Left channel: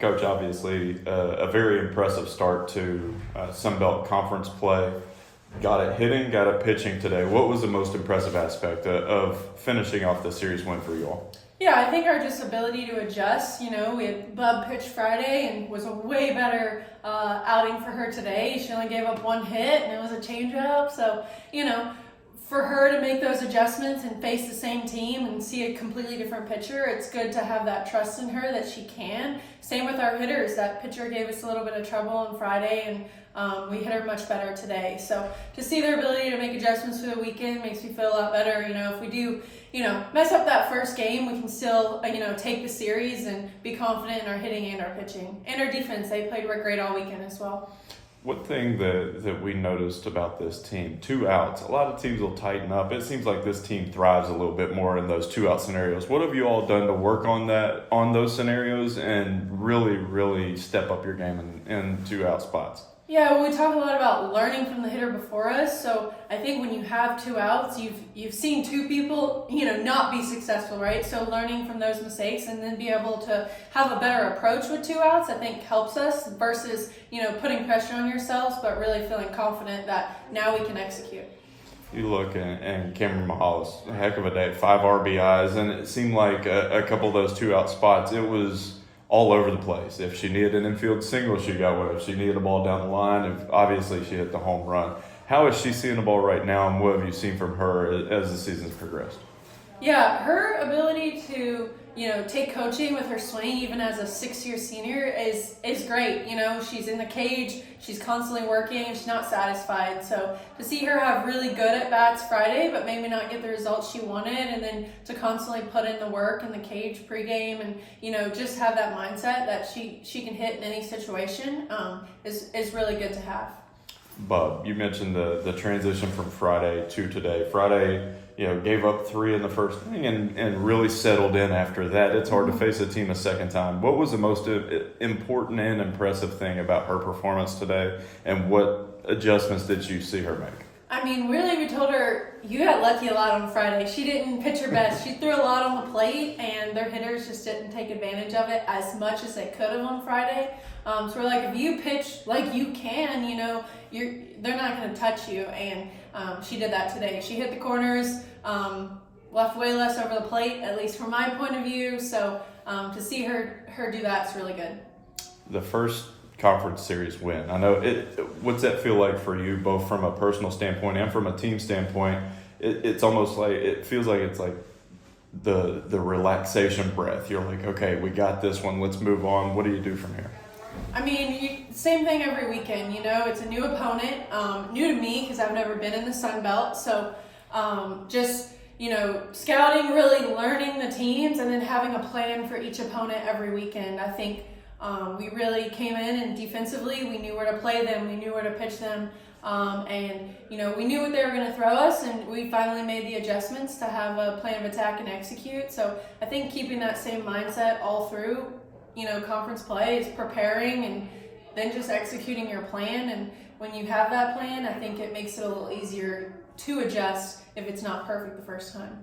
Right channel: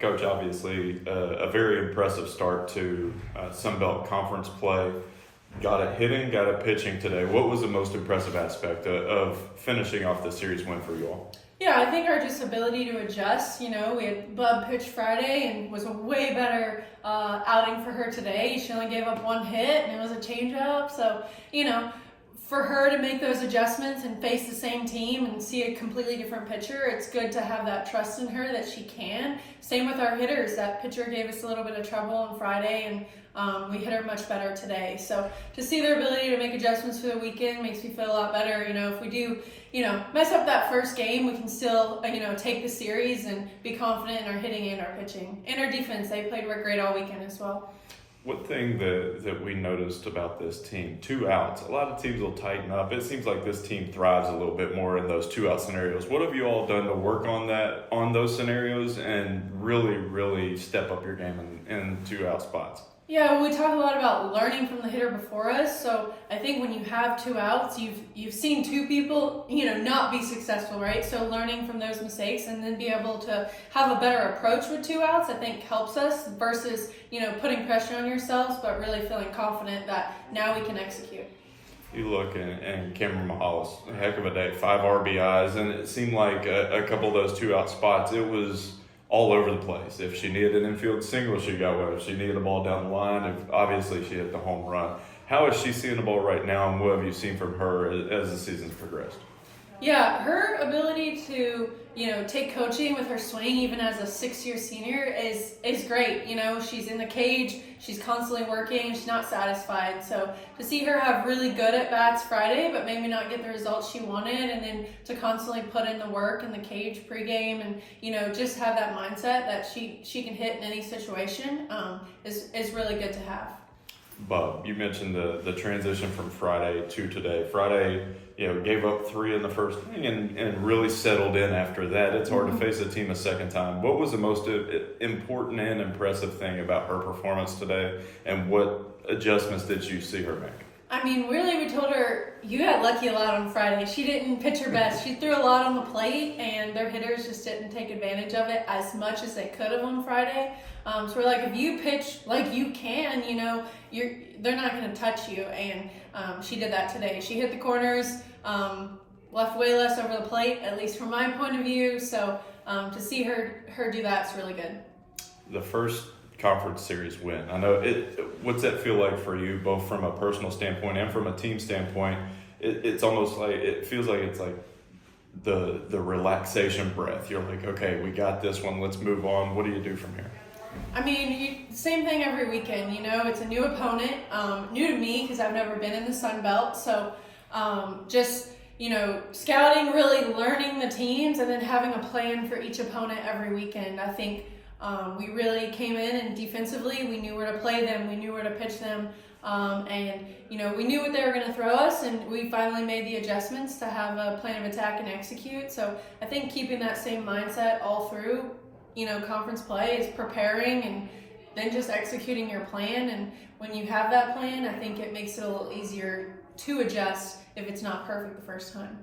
Coach, obviously a very impressive start to Sun Belt Conference play. Got it hitting, got it pitching today. What was the most impressive aspect of finishing off the series win for you all? Yeah, I think our just ability to adjust. We had Bub pitch Friday and was a way better outing for her today. She only gave up one hit and it was a changeup. So, for her to make those adjustments and face the same team and see a completely different pitcher, it's good to have that trust in her that she can. Same with our hitters. That pitcher gave us a little bit of trouble on Friday and we hit her much better today. So to see their ability to make adjustments for the weekend makes me feel a lot better. If we do, mess up that first game, we can still, take the series and be confident in our hitting and our pitching. And our defense, they played great all weekend as well. One thing that we noticed about this team, 2 outs. A lot of teams will tighten up. It seems like this team thrives a little bit more in those 2 out scenarios. What have you all done to work on those scenarios and really step up your game in 2 out spots? Yeah, well, we talk a lot about learning from the hitter before us. So I think when you have 2 outs, you've seen 2 people, not be successful, right? So learning from those mistakes and then be able to have a better approach with 2 outs, I think helps us versus, putting pressure on yourselves, but really feeling confident that now we can execute. You look and Cameron Mahala's a heck of a day, 5 RBIs, and it seemed like a couple of those 2 out spots, it was all over the place. If she needed an infield single, she got one. If she needed a ball down the line, obviously she hit the home run. How is she seeing the ball right now, and what have you seen from her as the season's progressed? Yeah, her ability to, take coaching with her swing, even as a 6-year senior, is great. She's in the cage, she's constantly working, she's not satisfied. So to see her have really good at bats Friday, but maybe not get the results she wanted, and then to constantly put in the work in the cage pregame and, just have that mindset that she can hit in any situation is really good to have. Bub, you mentioned the transition from Friday to today. Friday, gave up 3 in the first inning and really settled in after that. It's hard to face a team a second time. What was the most important and impressive thing about her performance today, and what adjustments did you see her make? I mean, really, we told her, you got lucky a lot on Friday. She didn't pitch her best. She threw a lot on the plate, and their hitters just didn't take advantage of it as much as they could have on Friday. So we're like, if you pitch like you can, they're not going to touch you. And she did that today. She hit the corners, left way less over the plate, at least from my point of view. So to see her do that's really good. The first conference series win. I know what's that feel like for you, both from a personal standpoint and from a team standpoint? It's almost like, it feels like it's like the relaxation breath. You're like, okay, we got this one, let's move on. What do you do from here? I mean, same thing every weekend. It's a new opponent, new to me because I've never been in the Sun Belt. So just scouting, really learning the teams, and then having a plan for each opponent every weekend. I think we really came in, and defensively we knew where to play them, we knew where to pitch them, and we knew what they were going to throw us, and we finally made the adjustments to have a plan of attack and execute. So I think keeping that same mindset all through conference play is preparing and then just executing your plan. And when you have that plan, I think it makes it a little easier to adjust if it's not perfect the first time.